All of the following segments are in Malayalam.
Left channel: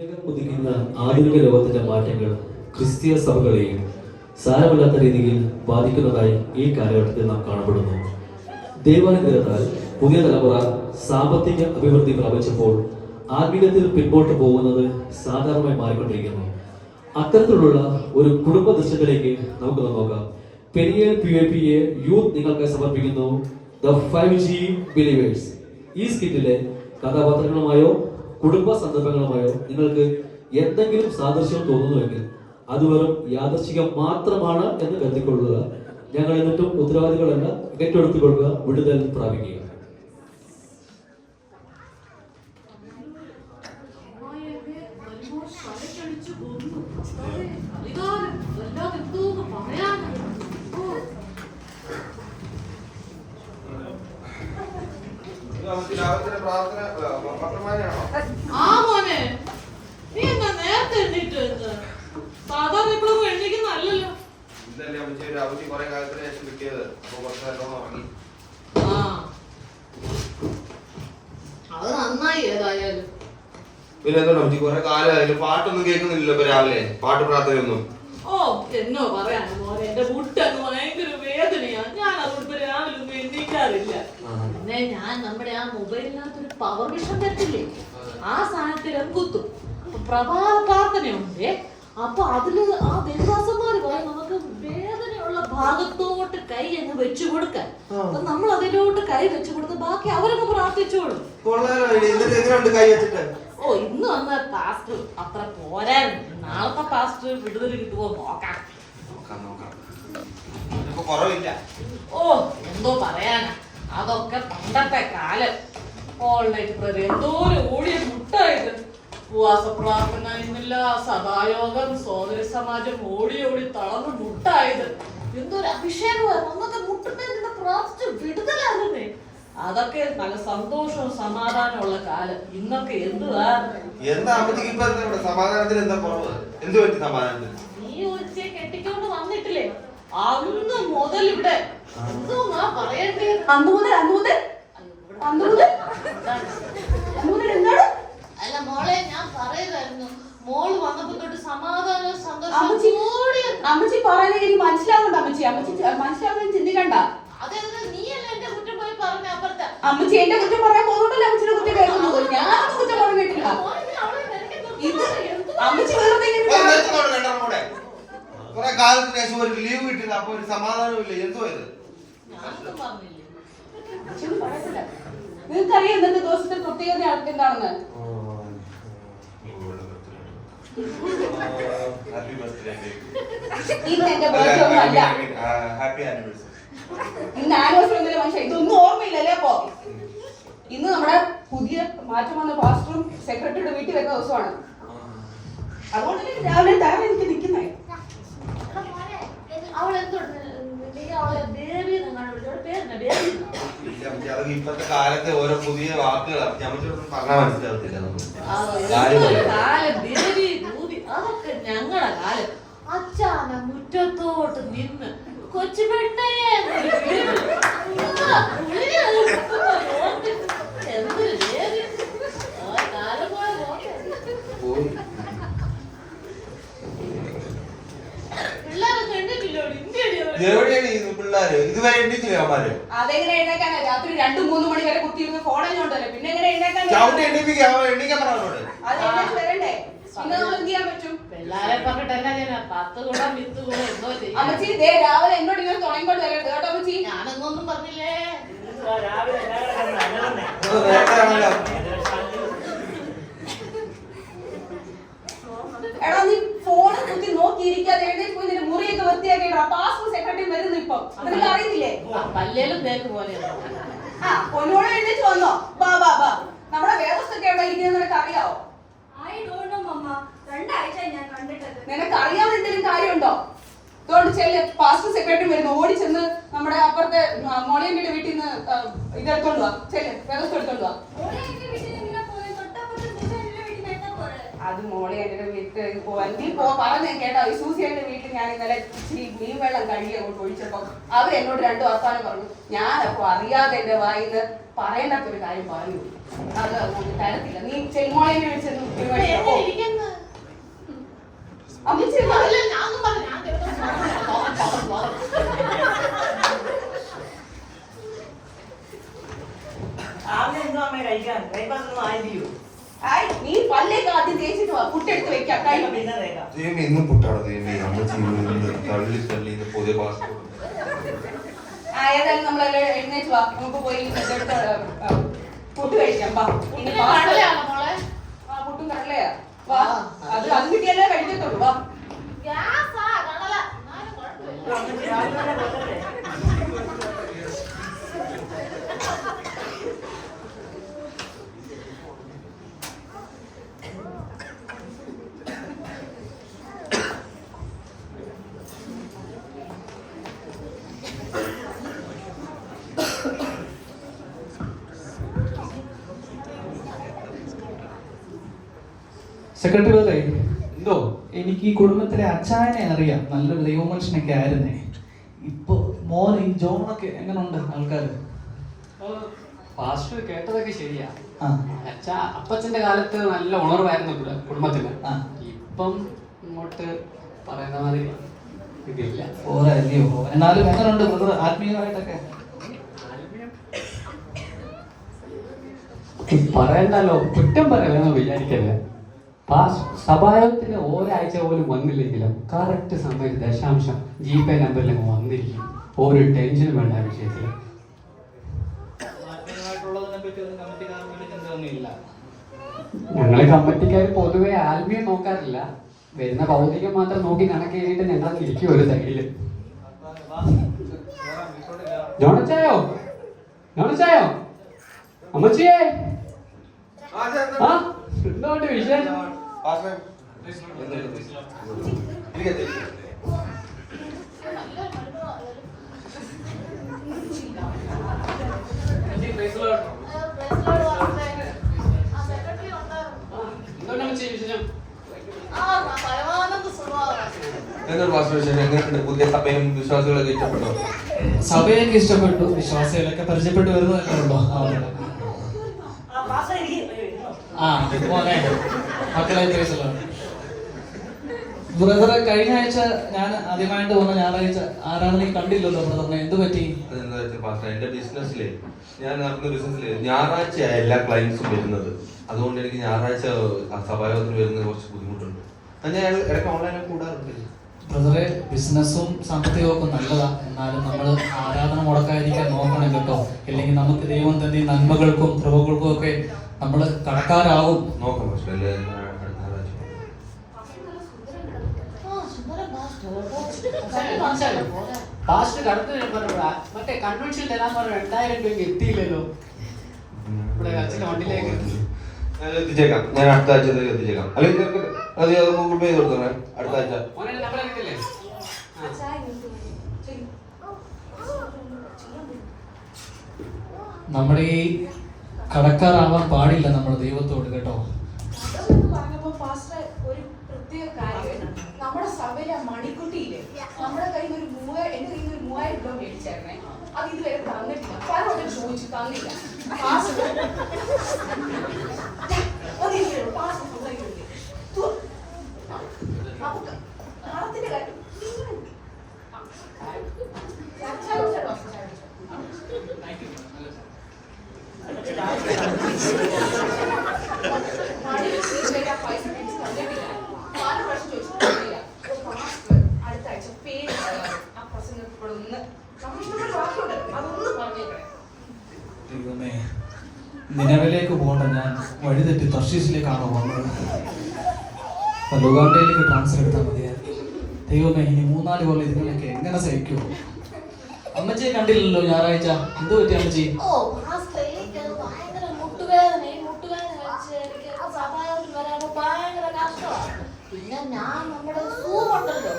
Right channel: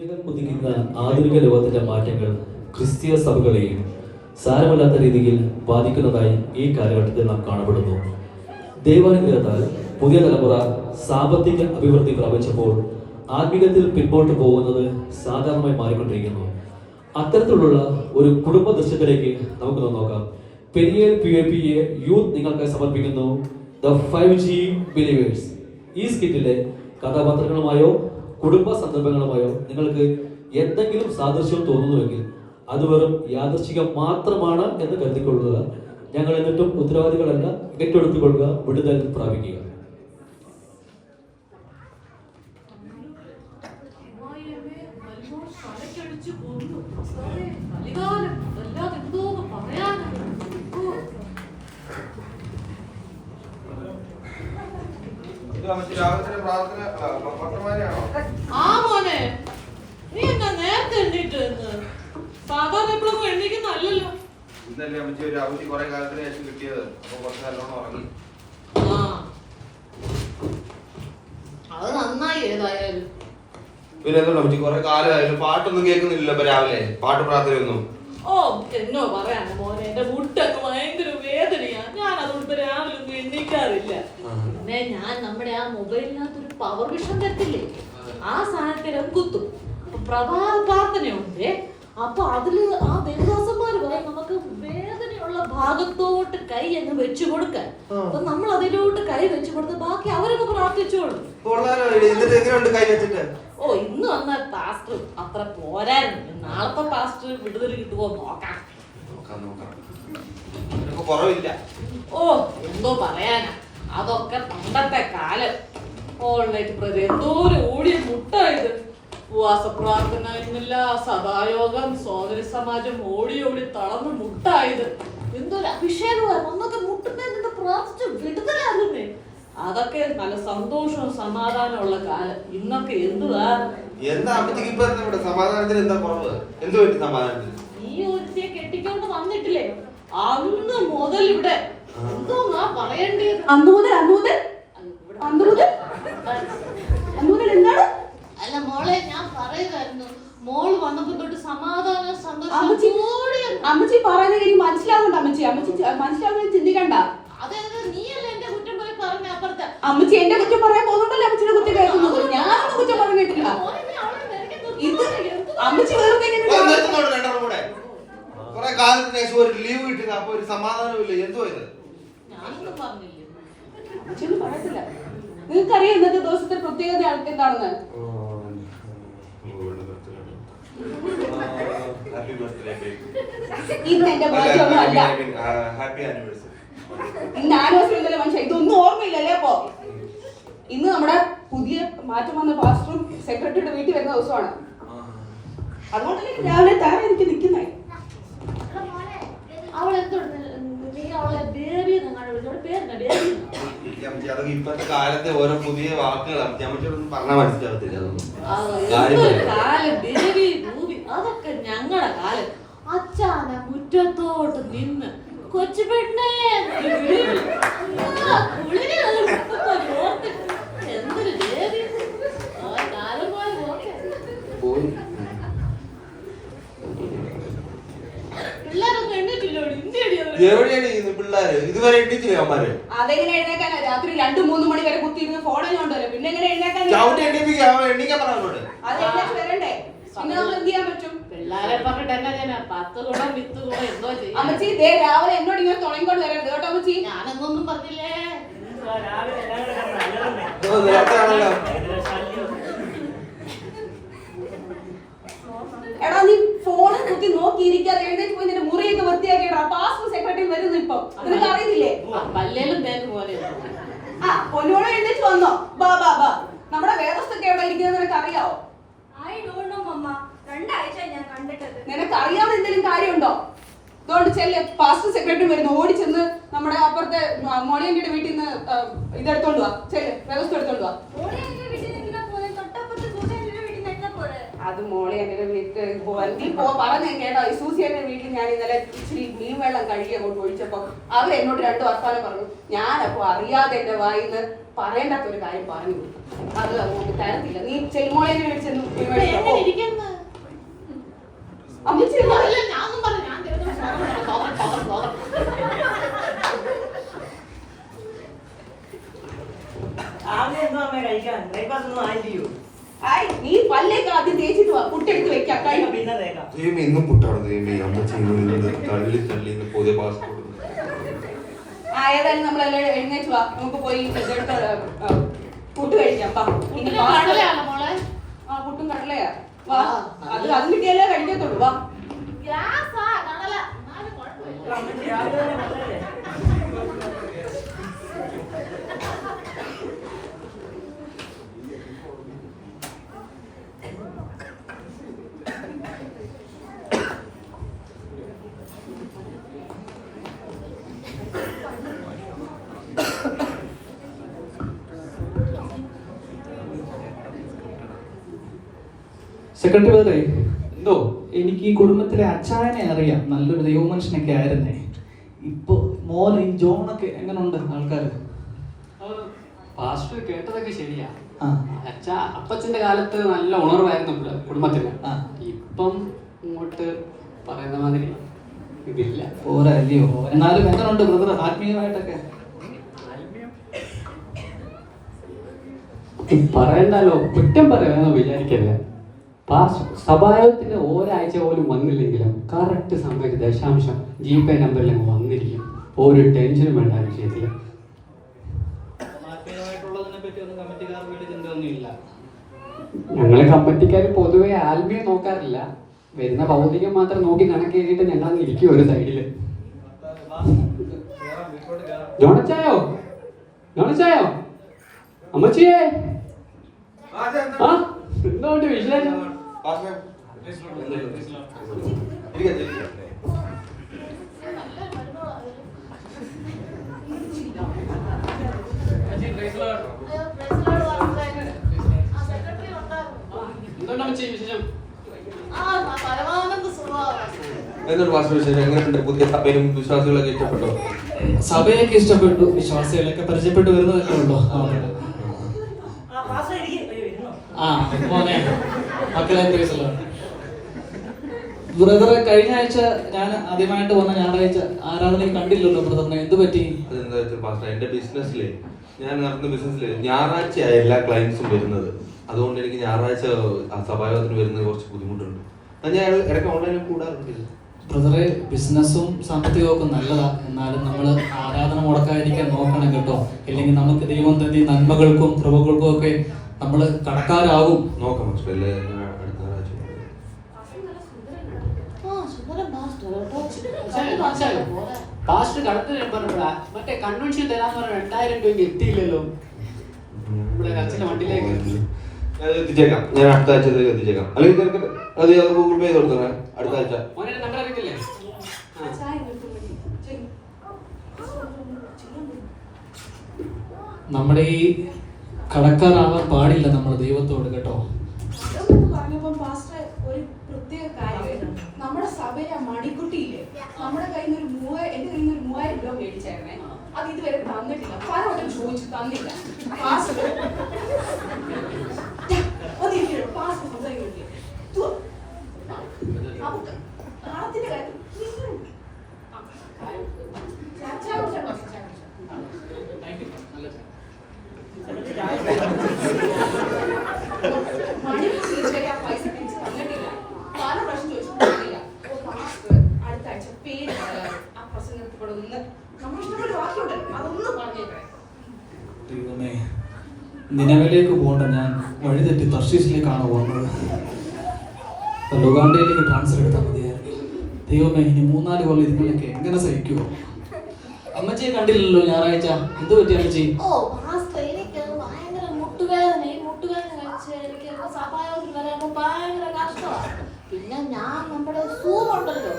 ജീവിതം കുതിക്കുന്ന ആധുനിക ലോകത്തിന്റെ മാറ്റങ്ങൾ ക്രിസ്തീയ സഭകളെയും സാരമില്ലാത്ത രീതിയിൽ ബാധിക്കുന്നതായി ഈ കാലഘട്ടത്തിൽ നാം കാണപ്പെടുന്നു. ദൈവാനുഗ്രഹത്താൽ പുതിയ തലമുറ സാമ്പത്തിക അഭിവൃദ്ധി പ്രാപിച്ചപ്പോൾ ആത്മീയത്തിൽ പിന്നോട്ട് പോകുന്നത് സാധാരണമായി മാറിക്കൊണ്ടിരിക്കുന്നു. അത്തരത്തിലുള്ള ഒരു കുടുംബ ദൃശ്യത്തിലേക്ക് നമുക്ക് നോക്കാം. പെരിയർ PAPA യൂത്ത് നിങ്ങൾക്ക് സമർപ്പിക്കുന്നു ദ 5G ബിലീവേഴ്സ്. ഈ സ്കിറ്റിലെ കഥാപാത്രങ്ങളുമായോ കുടുംബ സന്ദർഭങ്ങളുമായോ നിങ്ങൾക്ക് എന്തെങ്കിലും സാദൃശ്യം തോന്നുന്നുവെങ്കിൽ അത് വെറും യാദൃശ്ചികം മാത്രമാണ് എന്ന് കരുതിക്കൊള്ളുക. ഞങ്ങൾ എന്നിട്ടും ഉത്തരവാദികളല്ല, ഏറ്റെടുത്തുകൊള്ളുക, വിടുതൽ പ്രാപിക്കുക. പാട്ടൊന്നും കേൾക്കുന്നില്ല രാവിലെ, പാട്ട് പ്രാർത്ഥനയൊന്നും. ഓ എന്നോ പറയാനോ മോനെ, എന്റെ മുട്ടൊക്കെ ഭയങ്കര വേദനയാ. ഞാൻ അതുകൊണ്ട് രാവിലെ ഒന്നും എണ്ണിക്കാറില്ല. പിന്നെ ഞാൻ നമ്മുടെ ആ മൊബൈലിനകത്തൊരു പവർ വിഷൻ തട്ടില്ലേ, ആ സാധനത്തിൽ കുത്തും. പ്രഭാത പ്രാർത്ഥനയുണ്ട്. അപ്പൊ അതില് ആ ദേവദാസന്മാര് പറയും നമുക്ക് വേദനയുള്ള ഭാഗത്തോട്ട് കൈ അങ്ങ് വെച്ചു കൊടുക്കാൻ. അപ്പൊ നമ്മൾ അതിലോട്ട് കൈ വെച്ചു കൊടുത്ത് ബാക്കി അവരൊക്കെ പ്രാർത്ഥിച്ചോളൂ. ഓ ഇന്ന് വന്ന പാസ്റ്റർ അത്ര പോരായിരുന്നു. നാളത്തെ പാസ്റ്റർ വിടുതൽ കിട്ടുമോ നോക്കാം. ഓ എന്തോ പറയാനാ, അതൊക്കെ പണ്ടത്തെ കാലം. ഓൺലൈൻ എന്തോരം ഓടിയ മുട്ടായത്. ഉപവാസ പ്രാർത്ഥന ഇന്നില്ല, സഭായോഗം, സോദര സമാജം ഓടി ഓടി തളർന്ന് മുട്ടായത്. എന്തൊരു അഭിഷേകമായിരുന്നു. അന്നത്തെ മുട്ടുന്നേ പ്രാർത്ഥിച്ച് വിടുതലാകുന്നേ. അതൊക്കെ നല്ല സന്തോഷവും സമാധാനമുള്ള കാലം. ഇന്നൊക്കെ എന്തുവാ ഈ ഒരുത്തിയെ കെട്ടിക്കൊണ്ട് വന്നിട്ടില്ലേ, അന്ന് മുതൽ ഇവിടെ എന്തോ ഞാൻ പറയേണ്ടത്. അല്ല മോളെ, ഞാൻ പറയുമായിരുന്നു, മോള് വന്നപ്പോ തൊട്ട് സമാധാനം സന്തോഷം അമ്മച്ചി പറയുന്നത് എനിക്ക് മനസ്സിലാവുന്നുണ്ട്. മനസ്സിലാവുന്ന ചിന്തിക്കണ്ട. അതായത് നീയല്ലേ എന്റെ കുറ്റം പോയി പറഞ്ഞ അപ്പുറത്തെ. അമ്മച്ചി എന്റെ കുറ്റം പറയാൻ പോകുന്നുണ്ടല്ലോ അമ്മച്ചിയുടെ കുറ്റം കേൾക്കുന്നത്. ഞാനൊന്നും കുറ്റം പറഞ്ഞിട്ടില്ല. അമ്മച്ചി വെറുതെ കാലത്തിന് ശേഷം ഒരു ലീവ് കിട്ടില്ല, അപ്പൊ ഒരു സമാധാനമില്ല. എന്തോ ഇത് നിങ്ങൾക്കറിയാം ഇന്നത്തെ ദിവസത്തെ പ്രത്യേകത എന്താണെന്ന്? ഇന്ന് എന്റെ ബർത്ത്ഡേ ഒന്നല്ല. ഇന്ന് ആനിവേഴ്സറി മനുഷ്യ ഇതൊന്നും ഓർമ്മയില്ലല്ലേ? അപ്പൊ ഇന്ന് നമ്മുടെ പുതിയ മാറ്റം വന്ന പാസ്റ്ററും സെക്രട്ടറിയുടെ വീട്ടിൽ വരുന്ന ദിവസമാണ്. അതുകൊണ്ട് രാവിലെ താഴെ എനിക്ക് നിൽക്കുന്നേ. ഇപ്പത്തെ കാലത്തെ ഓരോ പുതിയ വാക്കുകളാണ് പറഞ്ഞാൽ മനസ്സിലാവത്തില്ല. അതൊക്കെ ഞങ്ങളുടെ കാലം. അച്ഛാന മുറ്റത്തോട്ട് നിന്ന് കൊച്ചു പെണ്ണേ എന്തൊരു ദേവി. കാലം പിള്ളേരൊക്കെ എണ്ണിട്ടില്ലോ? പിള്ളേര് ഇതുവരെ എണ്ണിച്ചില്ല. അവന്മാര് അതെങ്ങനെ എഴുന്നേക്കാനാ? രാത്രി 2-3 മണി വരെ കുത്തിയിരുന്ന് ഫോണിൽ കൊണ്ടുവരും. പിന്നെ എങ്ങനെ എഴുന്നേക്കാൻ? എണ്ണിക്കാൻ പറഞ്ഞോട്. അത് എഴുന്നേറ്റ് വരണ്ടേ? പിന്നെ നമ്മൾ എന്ത് ചെയ്യാൻ പറ്റും? പിള്ളേരെ പറഞ്ഞിട്ട് 10 കൂടെ വിത്ത് കൂടെ എന്തോ ചെയ്യും. അമ്മച്ചി രാവിലെ എന്നോട് ഇങ്ങനെ തുടങ്ങിക്കൊണ്ട് വരരുത് കേട്ടോ അമ്മച്ചി. ഞാനൊന്നും പറഞ്ഞില്ലേ. എടാ നീ ഫോണ് കുത്തി നോക്കിയിരിക്കാതെ എഴുന്നേറ്റ് പോയി നിന്റെ മുറിയൊക്കെ വൃത്തിയാക്കിയിടാ. പാസ്പോർട്ട് സെക്രട്ടറി വരുന്നു ഇപ്പൊ. നിനക്ക് അറിയുന്നില്ലേ? പല്ലേലും തേനും പോലെ. ആ പൊന്നോടെ എഴുന്നേറ്റ് വന്നോ? ബാ ബാ ബാ. നമ്മുടെ വ്യവസ്ഥ ഒക്കെ എവിടെ ഇരിക്കുന്നത് നിനക്ക് അറിയാവോ? ഞാൻ കണ്ടിട്ടത്. നിനക്ക് അറിയാവുന്ന എന്തെങ്കിലും കാര്യമുണ്ടോ? അതുകൊണ്ട് ചെല്ല്, പാസ്പോർട്ട് സെക്രട്ടറി വരുന്നു. ഓടി ചെന്ന് നമ്മുടെ അപ്പുറത്തെ മോളിയമ്മയുടെ വീട്ടിൽ നിന്ന് ഇതെടുത്തോണ്ട് വാ. ചെല്ല്, വ്യവസ്ഥ എടുത്തോണ്ട് വാ. അത് മോളിയമ്മയുടെ വീട്ടിൽ പോവാൻ നീ പറഞ്ഞേ കേട്ടോ. സൂസിയുടെ വീട്ടിൽ ഞാൻ ഇന്നലെ ഇച്ചിരി മീൻ വെള്ളം കഴുകി അങ്ങോട്ട് ഒഴിച്ചപ്പോ അവർ എന്നോട് 2 വർത്താനം പറഞ്ഞു. ഞാനപ്പോ അറിയാതെ എന്റെ വായിന്ന് പറയാത്തൊരു കാര്യം പറഞ്ഞു. അത് നമുക്ക് തരത്തില്ല. നീ ചെല്ലുമോളിയെ വിളിച്ചു ദൈവമേ ഇന്നും പുട്ടാണ് ദൈവമേ അമ്മച്ചി തള്ളി തള്ളി പുതിയ പാസ്പോർട്ട്. ഏതായാലും നമ്മളെല്ലാം എഴുന്നേറ്റ് വാ, നമുക്ക് പോയി ഫുഡ് കഴിക്കാം. വാ. ഇനി കടലയാണോ മോളെ? ആ പുട്ടും കടലയാ. വാ, അത് കിട്ടിയാലേ കഴിക്കത്തുള്ളൂ. വാ. ഗ്യാസാ, കടല. എന്നാലും കുഴപ്പമില്ല. സെക്രട്ടറി ബ്രദറെ, എന്തോ എനിക്ക് ഈ കുടുംബത്തിലെ അച്ചായനെ അറിയാം, നല്ലൊരു ദൈവമനുഷ്യനൊക്കെ ആയിരുന്നേ. ഇപ്പൊ മോൻ ഈ ജോണൊക്കെ എങ്ങനെയുണ്ട് ആൾക്കാര്? പാസ്റ്റർ കേട്ടതൊക്കെ ശരിയാ. ആ. അച്ഛാ അപ്പച്ചന്റെ കാലത്ത് നല്ല ഉണർവായിരുന്നു കുടുംബത്തിന്. ആ. ഇപ്പം ഇങ്ങോട്ട് പറയുന്ന മാതിരി ഇതില്ല. ഓരല്ലയോ? എന്നാലും എങ്ങനെയുണ്ട് ബ്രദർ ആത്മീയമായിട്ടൊക്കെ? പറയണ്ടല്ലോ, കുറ്റം പറയാനോ വിചാരിക്കല്ലേ. സഭായോഗത്തിന് ഒരാഴ്ച പോലും വന്നില്ലെങ്കിലും കറക്റ്റ് സമയത്ത് ദശാംശം GPay നമ്പറിൽ വന്നിരിക്കും. ഒരു ടെൻഷൻ വേണ്ട ആ വിഷയത്തിൽ. ഞങ്ങളെ കമ്മിറ്റിക്കാർ പൊതുവെ ആത്മീയം നോക്കാറില്ല, വരുന്ന ഭൗതികം മാത്രം നോക്കി കണക്ക് കഴിഞ്ഞിട്ട് ഞങ്ങൾ ഇരിക്കും ഒരു സൈഡില്. ജോണച്ചായോ, ജോണച്ചായോ, അമ്മച്ചിയേ, എന്തുകൊണ്ട് വിശേഷം? പുതിയ സഭയിലും വിശ്വാസികളൊക്കെ ഇഷ്ടപ്പെട്ടോ? സഭയൊക്കെ ഇഷ്ടപ്പെട്ടു, വിശ്വാസികളൊക്കെ പരിചയപ്പെട്ടു വരുന്നതൊക്കെ ഉണ്ടോ? ബ്രദറെ, കഴിഞ്ഞ ആഴ്ച ഞാൻ ആദ്യമായിട്ട് വന്ന ഞായറാഴ്ച ആരാധന കണ്ടില്ലല്ലോ ബ്രദറിനെ, എന്ത് പറ്റി? എന്റെ ബിസിനസ്സിലെ ഞാൻ നടത്തുന്ന ബിസിനസ്സിലെ ഞായറാഴ്ചയായ എല്ലാ ക്ലയൻസും വരുന്നത്. അതുകൊണ്ട് എനിക്ക് ഞായറാഴ്ച സഭായോഗത്തിന് വരുന്നത് കുറച്ച് ബുദ്ധിമുട്ടുണ്ട്. ഞാൻ ഇടയ്ക്ക് ഓൺലൈനിൽ കൂടാറുണ്ട്. ബ്രദറെ, ബിസിനസ്സും സാമ്പത്തികവും ഒക്കെ നല്ലതാ, എന്നാലും നമ്മൾ ആരാധന മുടക്കാതിരിക്കാൻ നോക്കണം കേട്ടോ. അല്ലെങ്കിൽ നമുക്ക് ദൈവം തന്നെ നന്മകൾക്കും കൃപകൾക്കും ഒക്കെ നമ്മൾ കടക്കാരാകും. നോക്കാം. മറ്റേ കൺവെൻഷൻ തരാൻ പറഞ്ഞ 2000 രൂപയ്ക്ക് എത്തിയില്ലല്ലോ. ഇവിടെ അച്ഛന്റെ വണ്ടിയിലേക്ക് എത്തിച്ചേക്കാം. ഞാൻ അടുത്ത ആഴ്ച എത്തിച്ചേക്കാം. അല്ലെങ്കിൽ ഗൂഗിൾ പേ കൊടുക്കാം അടുത്ത ആഴ്ച. നമ്പർ അറിയില്ലേ? നമ്മുടെ ഈ കടക്കാരാകാൻ പാടില്ല നമ്മൾ ദൈവത്തോട് കേട്ടോ. പറഞ്ഞപ്പോ പാസ്റ്റർ ഒരു പ്രത്യേക കാര്യം, നമ്മുടെ സഭയിലെ മണിക്കുട്ടിയില്ലേ, നമ്മുടെ കയ്യിൽ നിന്ന് എന്റെ കയ്യിൽ നിന്ന് 3000 രൂപ മേടിച്ചായിരുന്നേ. അത് ഇതുവരെ തന്നിട്ടില്ല. പലരോടും ചോദിച്ചു, തന്നില്ല. പാസ്റ്റർ നിലവിലേക്ക് പോകണ്ട, ഞാൻ വഴി തെറ്റി തർശീസിലേക്കാണ് പോകുന്നത്. ലുഗാണ്ടയിലേക്ക് ട്രാൻസ്ഫർ എടുത്താൽ മതിയായിരുന്നു. ദൈവമേ, ഈ 3-4 കൊല്ലം ഇതിനൊക്കെ എങ്ങനെ സഹിക്കുമോ? അമ്മച്ചിയെ കണ്ടില്ലല്ലോ ഞായറാഴ്ച, എന്ത് പറ്റി അമ്മച്ചി? പിന്നെ ഞാൻ നമ്മുടെ സൂറുണ്ടല്ലോ,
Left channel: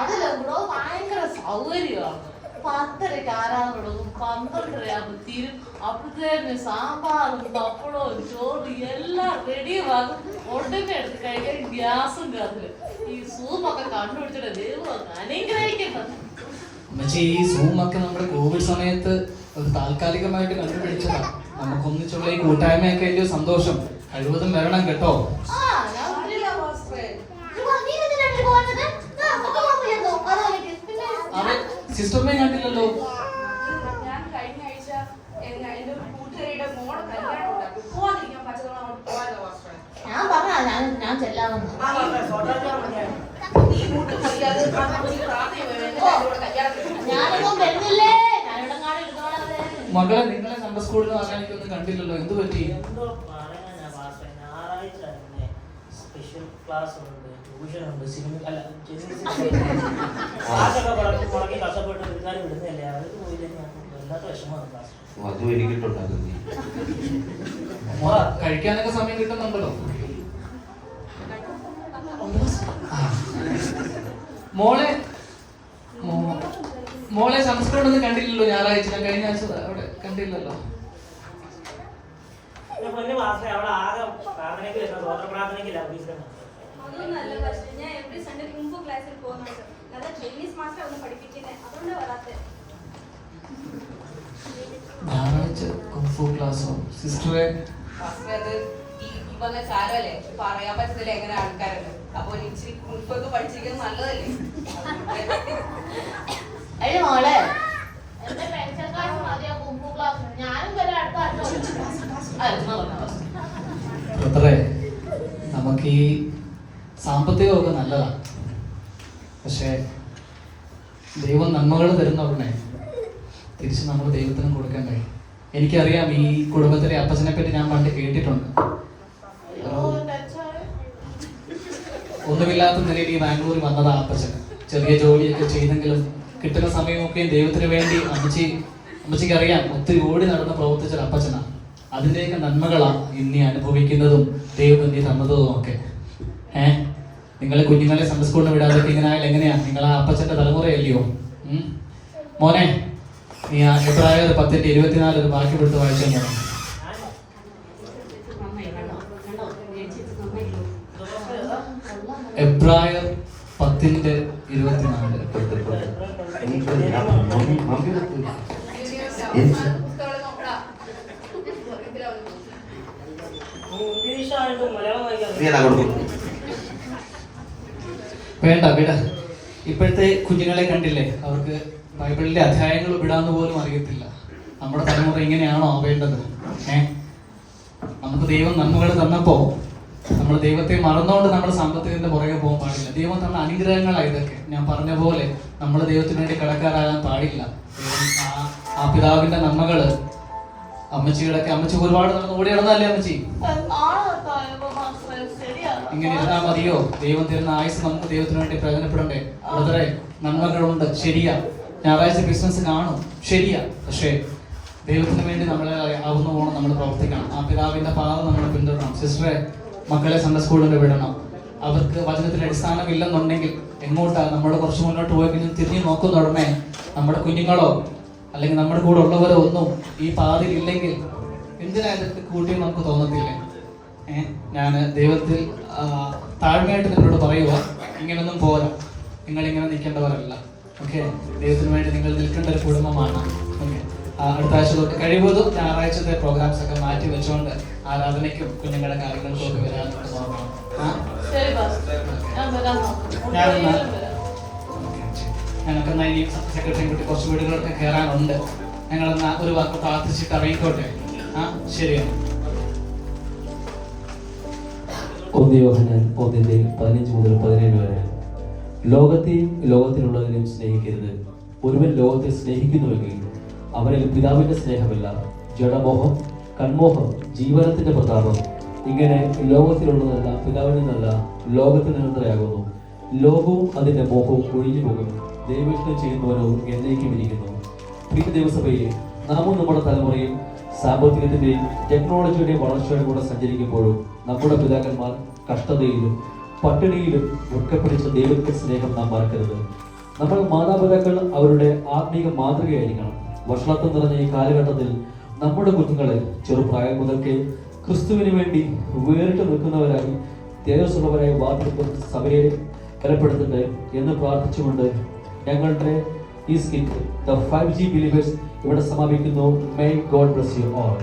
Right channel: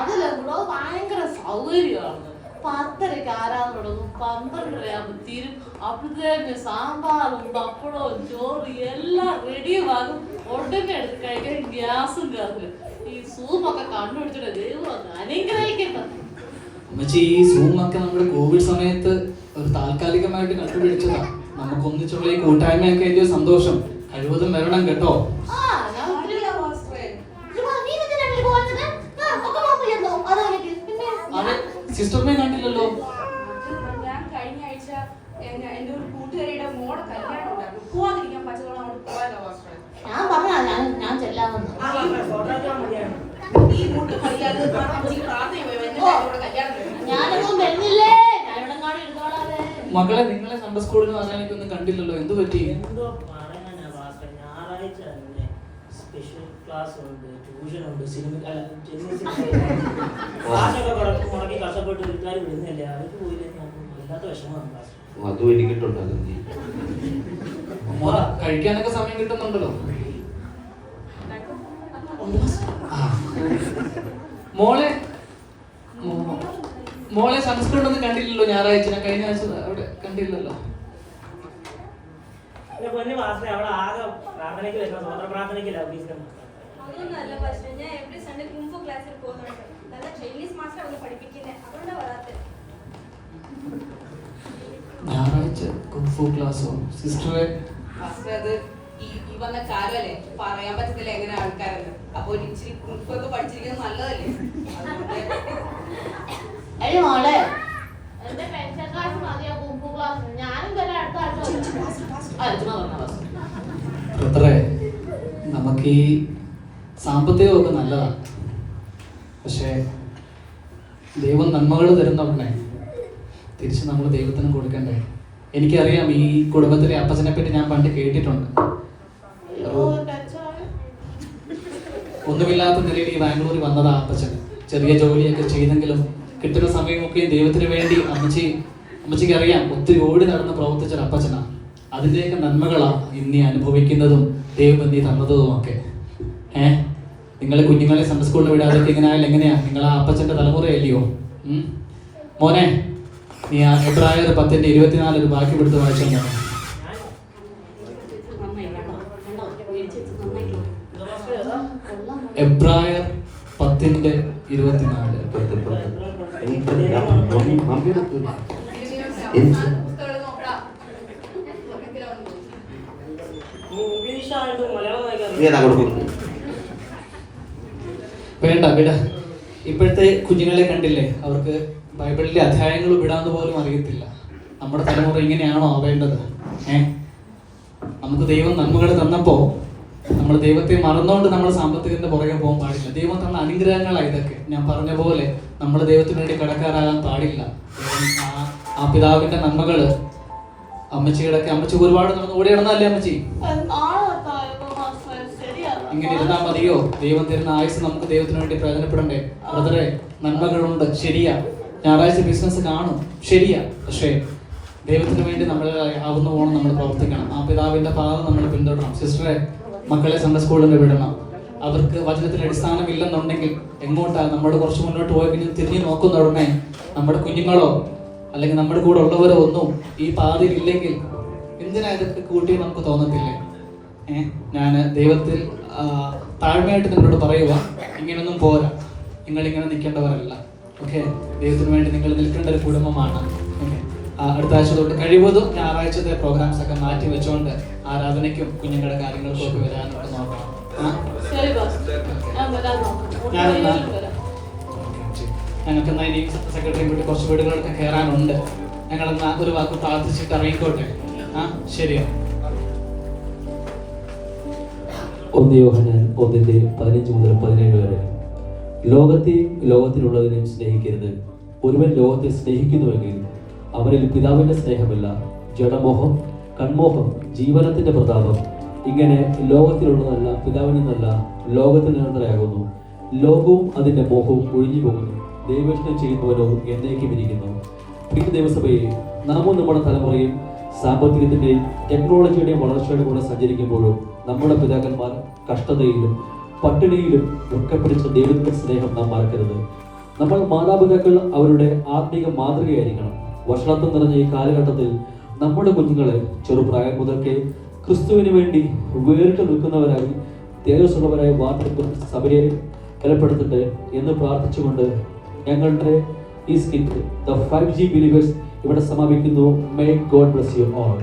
അതിലെന്തോ ഭയങ്കര സൗകര്യമാണ്. 10:30 ആരാധനകളും 12:30 തീരും. അപ്പോഴത്തേക്ക് സാമ്പാറും പപ്പടവും ചോറും എല്ലാം റെഡിയാകും. ഉടനെ എടുത്ത് കഴിക്കാൻ ഗ്യാസും കയറില്ല. ഈ സൂമൊക്കെ കണ്ടുപിടിച്ചിട്ട് ദൈവം അനുഗ്രഹിക്കുന്നത്. അമ്മച്ചി, ഈ സൂമൊക്കെ നമ്മുടെ കോവിഡ് സമയത്ത് ഒരു താൽക്കാലികമായിട്ട് കണ്ടുപിടിച്ചതാണ്. നമുക്ക് ഒന്നിച്ചുള്ള ഈ കൂട്ടായ്മയൊക്കെ വലിയ സന്തോഷം. കഴിവതും വരണം കേട്ടോ. സിസ്റ്ററിനെ കണ്ടില്ലല്ലോ. ഞാൻ കഴിഞ്ഞ ആഴ്ച എന്റെ ഒരു കൂട്ടുകാരിയുടെ മോളെ കല്യാണം ഉണ്ടാക്കും. പോവാതിരിക്കാൻ പച്ചവെള്ളം അങ്ങോട്ട് പോയല്ലോ പാസ്റ്റർ. ഞാൻ പറഞ്ഞാ ഞാൻ ചെല്ലാമെന്ന്. മുട്ടും വയ്യാതെ ഞാനൊന്നും വരുന്നില്ലേ, ഞാനിവിടെ ഇരുന്നോളാതെ. മകളെ നിങ്ങളെ സൺഡേ സ്കൂളിൽ നിന്ന് എനിക്കൊന്നും കണ്ടില്ലല്ലോ, എന്ത് പറ്റി? എന്തോ പറയുന്ന ഞായറാഴ്ച സ്പെഷ്യൽ ക്ലാസ് ഉണ്ട്, ട്യൂഷൻ ഉണ്ട്, സിനിമ അല്ല ക്ലാസ്സൊക്കെ മുടക്കി കഷ്ടപ്പെട്ട് വീട്ടുകാർ വിടുന്നില്ലേ, അവർക്ക് പോയില്ലെങ്കിൽ വല്ലാത്ത വിഷമമാണ് ക്ലാസ്. അതും എനിക്കിട്ടുണ്ടായിരുന്നു. കഴിക്കാനൊക്കെ സമയം കിട്ടുന്നുണ്ടല്ലോ. മോളെ മോളെ സംസ്കൃതം കണ്ടില്ലല്ലോ ഞായറാഴ്ച, ഞാൻ കഴിഞ്ഞ ആഴ്ച അവിടെ കണ്ടില്ലല്ലോ. എന്റെ പൊന്നു മാസ്റ്റർ അവിടെ ആകെ പ്രാർത്ഥനയ്ക്ക് വരുന്ന സ്വതന്ത്ര പ്രാർത്ഥനയ്ക്കില്ല ഉദ്ദേശിക്കുന്നത്. അതൊന്നല്ല പക്ഷേ ഞാൻ എവറി സൺഡേ കുംഫു ക്ലാസ്സിൽ പോകുന്നുണ്ട്. നല്ല ചൈനീസ് മാസ്റ്റർ അവിടെ പഠിപ്പിക്കുന്നത്, അതുകൊണ്ടാണ് വരാത്തത്. ഞായറാഴ്ച കുംഫു ക്ലാസ്സോ? സിസ്റ്ററെ ഈ വന്ന കാലല്ലേ, പറയാൻ പറ്റില്ല എങ്ങനെ ആൾക്കാരുണ്ട്. അപ്പൊ ഒരു ഇച്ചിരി കുറിപ്പൊക്കെ പഠിച്ചിരിക്കുന്നത് നല്ലതല്ലേ. എടി മോളെ, എന്റെ പെൻഷൻ ക്ലാസ് മതിയോ കുംഫു ക്ലാസ്? ഞാനും വരെ അടുത്ത ബ്രദറെ, നമുക്ക് ഈ സാമ്പത്തികമൊക്കെ നല്ലതാണ്, പക്ഷേ ദൈവം നന്മകൾ തരുന്നവണ്ണേ തിരിച്ച് നമ്മൾ ദൈവത്തിന് കൊടുക്കണ്ടേ? എനിക്കറിയാം, ഈ കുടുംബത്തിലെ അപ്പച്ചനെ പറ്റി ഞാൻ പണ്ട് കേട്ടിട്ടുണ്ട്. ഒരു ഒന്നുമില്ലാത്ത നിലയിൽ ഈ ബാംഗ്ലൂരിൽ വന്നതാ അപ്പച്ചൻ. ചെറിയ ജോലിയൊക്കെ ചെയ്തെങ്കിലും കിട്ടുന്ന സമയമൊക്കെ ദൈവത്തിന് വേണ്ടി അമ്മച്ചിക്ക് അറിയാം, ഒത്തിരി ഓടി നടന്ന് പ്രവർത്തിച്ച അപ്പച്ചനാണ്. അതിൻ്റെയൊക്കെ നന്മകളാണ് ഇന്നീ അനുഭവിക്കുന്നതും ദൈവം എന്നീ തന്നതും ഒക്കെ. നിങ്ങളെ കുഞ്ഞുങ്ങളെ സൺഡേ സ്കൂളിൽ വിടാതൊക്കെ ഇങ്ങനെ ആയാലും എങ്ങനെയാ? നിങ്ങൾ ആ അപ്പച്ചന്റെ തലമുറയല്ലയോ? മോനെ, നീ ആ എബ്രായർ 10:24 ഒരു ബാക്കി കൊടുത്ത് വായിച്ചാൽ എബ്രായർ 10:24. ഇംഗ്ലീഷായിട്ട് മലയാളം വായിക്കാൻ വേണ്ട വിട. ഇപ്പോഴത്തെ കുഞ്ഞുങ്ങളെ കണ്ടില്ലേ, അവർക്ക് ബൈബിളിലെ അധ്യായങ്ങൾ വിടാന്ന് പോലും അറിയത്തില്ല. നമ്മുടെ തലമുറ ഇങ്ങനെയാണോ ആവേണ്ടത്? നമുക്ക് ദൈവം നന്മകൾ തന്നപ്പോ നമ്മൾ ദൈവത്തെ മറന്നുകൊണ്ട് നമ്മൾ സാമ്പത്തികത്തിന്റെ പുറകെ പോകാൻ പാടില്ല. ദൈവം തന്ന അനുഗ്രഹങ്ങളാണ് ഇതൊക്കെ. ഞാൻ പറഞ്ഞ പോലെ നമ്മൾ ദൈവത്തിന് വേണ്ടി കിടക്കാറാകാൻ പാടില്ല. ആ പിതാവിന്റെ നന്മകള് അമ്മച്ചിക്ക് ഒരുപാട് കൂടെ ഇടുന്നല്ലേ അമ്മച്ചി? ഇങ്ങനെ ഇരുന്നാൽ മതിയോ? ദൈവം തരുന്ന ആയുസ് നമുക്ക് ദൈവത്തിന് വേണ്ടി പ്രയോജനപ്പെടണ്ടേ? ബ്രദറെ, നന്മകളുണ്ട്, ശരിയാ. ഞായറാഴ്ച ബിസിനസ് കാണും, ശരിയാ. പക്ഷേ ദൈവത്തിന് വേണ്ടി നമ്മളെ ആവുന്ന പോകണം നമ്മൾ പ്രവർത്തിക്കണം. ആ പിതാവിന്റെ പാദം നമ്മൾ പിന്തുടരണം. സിസ്റ്ററെ, മക്കളെ സൺഡേ സ്കൂളിൽ വിടണം. അവർക്ക് വചനത്തിൽ അടിസ്ഥാനമില്ലെന്നുണ്ടെങ്കിൽ എങ്ങോട്ടാണ് നമ്മൾ കുറച്ച് മുന്നോട്ട് പോയെങ്കിലും തിരിഞ്ഞു നോക്കുന്നുടമേ നമ്മുടെ കുഞ്ഞുങ്ങളോ അല്ലെങ്കിൽ നമ്മുടെ കൂടെ ഉള്ളവരോ ഒന്നും ഈ പാതയിൽ ഇല്ലെങ്കിൽ എന്തിനാ ഇതൊക്കെ കൂട്ടി നമുക്ക് തോന്നത്തില്ലേ? ഞാൻ ദൈവത്തിൽ താഴ്മയായിട്ട് നിങ്ങളോട് പറയുക, ഇങ്ങനൊന്നും പോരാ, നിങ്ങളിങ്ങനെ നിൽക്കേണ്ടവരല്ല. ഓക്കെ, ദൈവത്തിന് വേണ്ടി നിങ്ങൾ നിൽക്കേണ്ട ഒരു കുടുംബമാണ്. അടുത്ത ആഴ്ച തൊട്ട് കഴിവതും ഞായറാഴ്ചത്തെ പ്രോഗ്രാംസ് ഒക്കെ മാറ്റി വെച്ചുകൊണ്ട് ആരാധനയ്ക്കും കുഞ്ഞുങ്ങളുടെ കാര്യങ്ങൾക്കും ഒക്കെ വരാനായിട്ട് നോക്കണം. ഞങ്ങൾക്ക് ഇനി സെക്രട്ടറി കൂട്ടി കുറച്ച് വീടുകളൊക്കെ കയറാനുണ്ട്. ഞങ്ങളെന്നാ ഒരു വാക്ക് പ്രാർത്ഥിച്ചിട്ട് ഇറങ്ങിക്കോട്ടെ. ശരിയാണ്. 1 യോഹന്നാൻ 1:15 മുതൽ 17 വരെ. ലോകത്തെയും ലോകത്തിലുള്ളതിനെയും സ്നേഹിക്കരുത്. ഒരുവൻ ലോകത്തെ സ്നേഹിക്കുന്നുവെങ്കിൽ അവനിൽ പിതാവിന്റെ സ്നേഹമില്ല. ജഡമോഹം, കൺമോഹം, ജീവനത്തിന്റെ പ്രതാപം ഇങ്ങനെ ലോകത്തിലുള്ളതല്ല പിതാവിൽ നിന്നല്ല ലോകത്തിൽ നിന്നത്രയാകുന്നു. ലോകവും അതിന്റെ മോഹവും ഒഴിഞ്ഞു പോകുന്നു. ദൈവം ചെയ്യുന്നവരോ എന്നേക്കും ഇരിക്കുന്നു. പ്രിയ ദൈവസഭയെ, നാമും നമ്മുടെ തലമുറയിൽ സാമ്പത്തികത്തിന്റെയും ടെക്നോളജിയുടെയും വളർച്ചയുടെ കൂടെ സഞ്ചരിക്കുമ്പോഴും നമ്മുടെ പിതാക്കന്മാർ കഷ്ടതയിലും പട്ടിണിയിലും ദുഃഖപ്പിടിച്ച ദൈവത്തിന്റെ സ്നേഹം നാം മറക്കരുത്. നമ്മുടെ മാതാപിതാക്കൾ അവരുടെ ആത്മീക മാതൃകയായിരിക്കണം. വഷളത്വം നിറഞ്ഞ ഈ കാലഘട്ടത്തിൽ നമ്മുടെ കുഞ്ഞുങ്ങളെ ചെറുപ്രായം മുതൽക്കേ ക്രിസ്തുവിന് വേണ്ടി വേറിട്ട് നിൽക്കുന്നവരായി തേജസ്സുള്ളവരായി വാർത്തെടുക്കും സഭയെ ബലപ്പെടുത്തട്ടെ എന്ന് പ്രാർത്ഥിച്ചുകൊണ്ട് ഞങ്ങളുടെ ഈ സ്കിറ്റ് ദ 5G ബിലീവേഴ്സ് ഇവിടെ സമാപിക്കുന്നു. May God bless you all.